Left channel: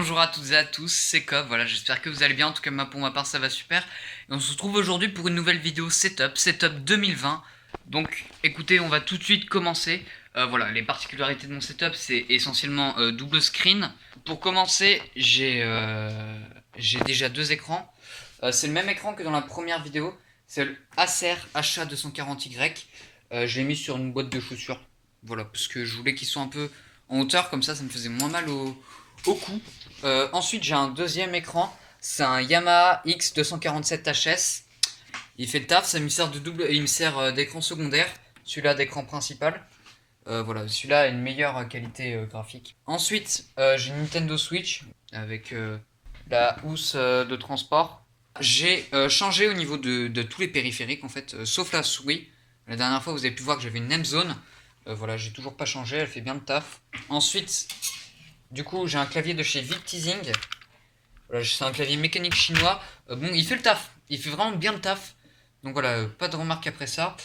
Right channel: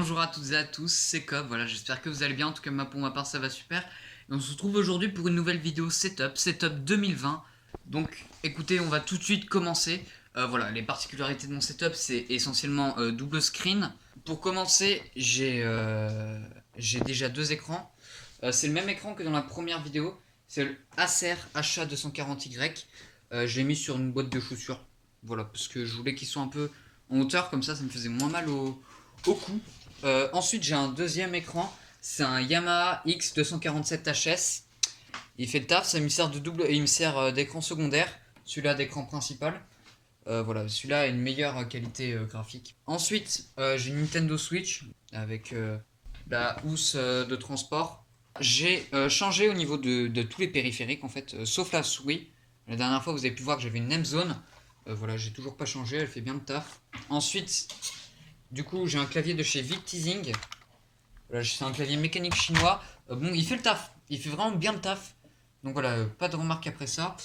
Bonjour à toutes et à tous, c'est Cobb, voilà, j'espère que vous allez bien, en tout cas pour ma part ça va super. Et on se retrouve aujourd'hui pour une nouvelle vidéo Setup 2020. Donc écoutez, on va tout de suite commencer. Voilà, les particularités de mon setup, c'est essentiellement double screen. Pour commencer, j'ai déjà deux écrans. C'est le même écran que dans la première vidéo, c'est le Acer HA240Y. Je l'ai mis sur une boîte de chaussures, voilà, parce que je voulais qu'ils soient un peu en hauteur, comme ça me faisait moins mal au cou. Ensuite, j'ai un deuxième écran, c'est un Yamaha X247HS. Il fait le taf, ça me sert de double, il me sert d'écran secondaire, celui-là d'écran principal. Voilà, celui-là a une meilleure qualité graphique. Ensuite, j'ai une Nintendo Switch avec la housse de transport. J'ai changé au niveau de tous les périphériques en fait, sauf la souris. La dernière fois, vous avez pu voir que j'avais une Nemzone. Voilà, j'ai toujours pas changé, elle fait bien le taf. Ensuite, du coup, j'ai un clavier de chez Victising. Voilà, c'est un clavier mécanique chinois. Bon, il fait le taf. Il fait vraiment bien le taf. Donc voilà, pas de remarques après ça.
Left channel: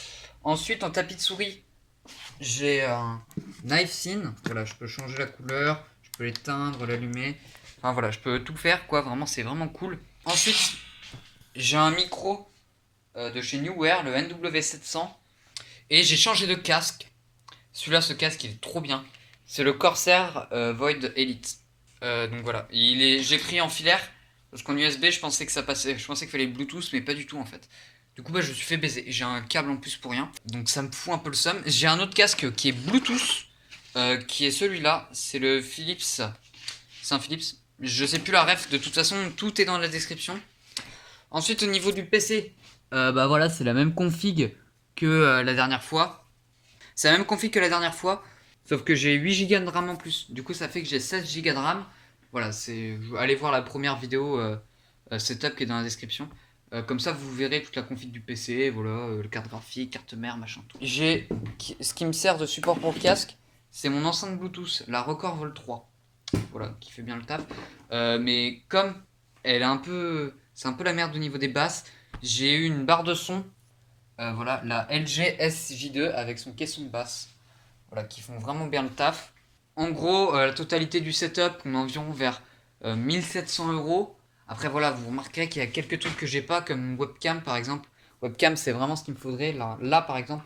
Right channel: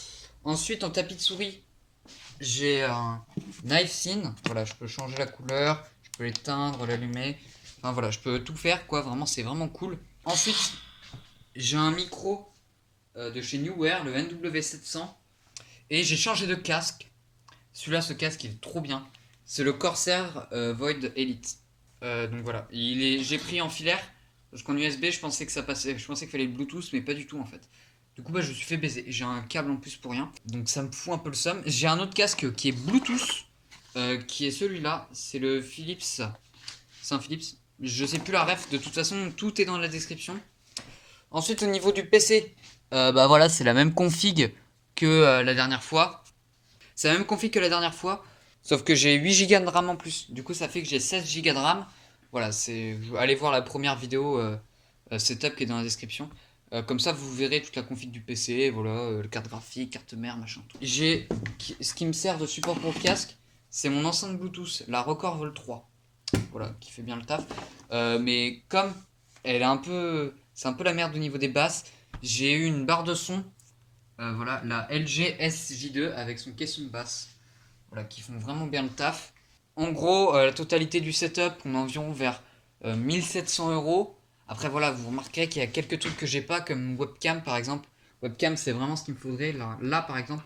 Ensuite, en tapis de souris, j'ai un Knife Scene. Voilà, je peux changer la couleur, je peux l'éteindre, l'allumer. Enfin voilà, je peux tout faire quoi. Vraiment, c'est vraiment cool. Ensuite, j'ai un micro de chez Newear, le NW700. Et j'ai changé de casque. Celui-là, ce casque, il est trop bien. C'est le Corsair Void Elite. Donc voilà, j'ai pris en filaire parce qu'en USB, je pensais que ça passait, je pensais qu'il fallait Bluetooth, mais pas du tout en fait. Du coup, bah, je me suis fait baiser. J'ai un câble en plus pour rien, donc ça me fout un peu le seum. J'ai un autre casque qui est Bluetooth, qui est celui-là. C'est le Philips. C'est un Philips. Je sais plus la ref. De toute façon, tout est dans la description. Ensuite, au niveau du PC, bah voilà, c'est la même config que la dernière fois. C'est la même config que la dernière fois, sauf que j'ai 8 Go de RAM en plus. Du coup, ça fait que j'ai 16 Go de RAM. Voilà, allez voir la première vidéo setup qui est dans la description. Comme ça, vous verrez toute la config du PC, voilà, le carte graphique, carte mère, machin, tout. Ce qui me sert de support pour le casque, c'est mon enceinte Bluetooth, la Record Vol 3. Voilà, qui fait bien le taf. Mais comme c'est un peu la merde au niveau des basses, j'ai eu une barre de son. Voilà, la LG SJ2 avec son caisson de basse. Voilà, qui font vraiment bien le taf. En gros, la totalité du setup, on est environ vers 1700 €. Après, voilà, vous remarquerez qu'il y a quelques trucs que j'ai pas, comme webcam par exemple. Webcam, c'est vraiment ce qu'il me faudrait. Là, par exemple,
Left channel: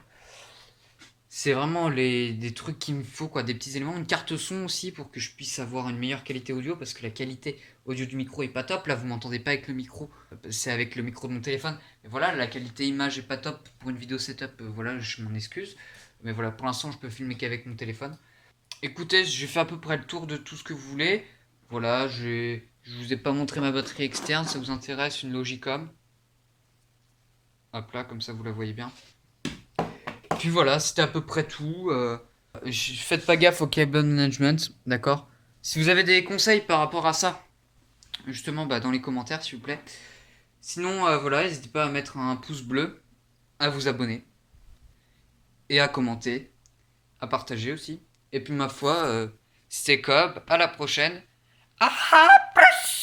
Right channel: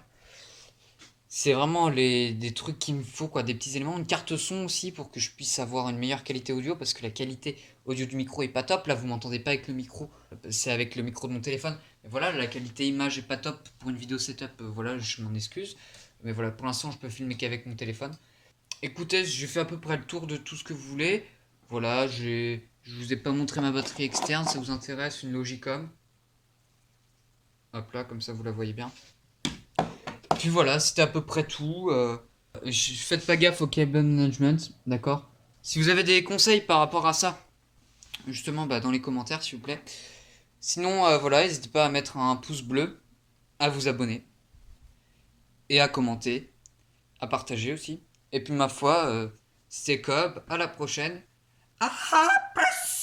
c'est vraiment des trucs qu'il me faut, quoi, des petits éléments. Une carte son aussi pour que je puisse avoir une meilleure qualité audio parce que la qualité audio du micro est pas top. Là, vous m'entendez pas avec le micro, c'est avec le micro de mon téléphone. Mais voilà, la qualité image est pas top pour une vidéo setup. Voilà, je m'en excuse. Mais voilà, pour l'instant, je peux filmer qu'avec mon téléphone. Écoutez, j'ai fait à peu près le tour de tout ce que vous voulez. Voilà, je vous ai pas montré ma batterie externe. Ça vous intéresse, une Logicom. Hop là, comme ça vous la voyez bien. Puis voilà, c'était à peu près tout. Faites pas gaffe au cable management, d'accord? Si vous avez des conseils par rapport à ça, justement, bah, dans les commentaires, s'il vous plaît. Sinon, voilà, n'hésitez pas à mettre un pouce bleu, à vous abonner, et à commenter, à partager aussi. Et puis, ma foi, c'était Cobb, à la prochaine. Ah ah, plus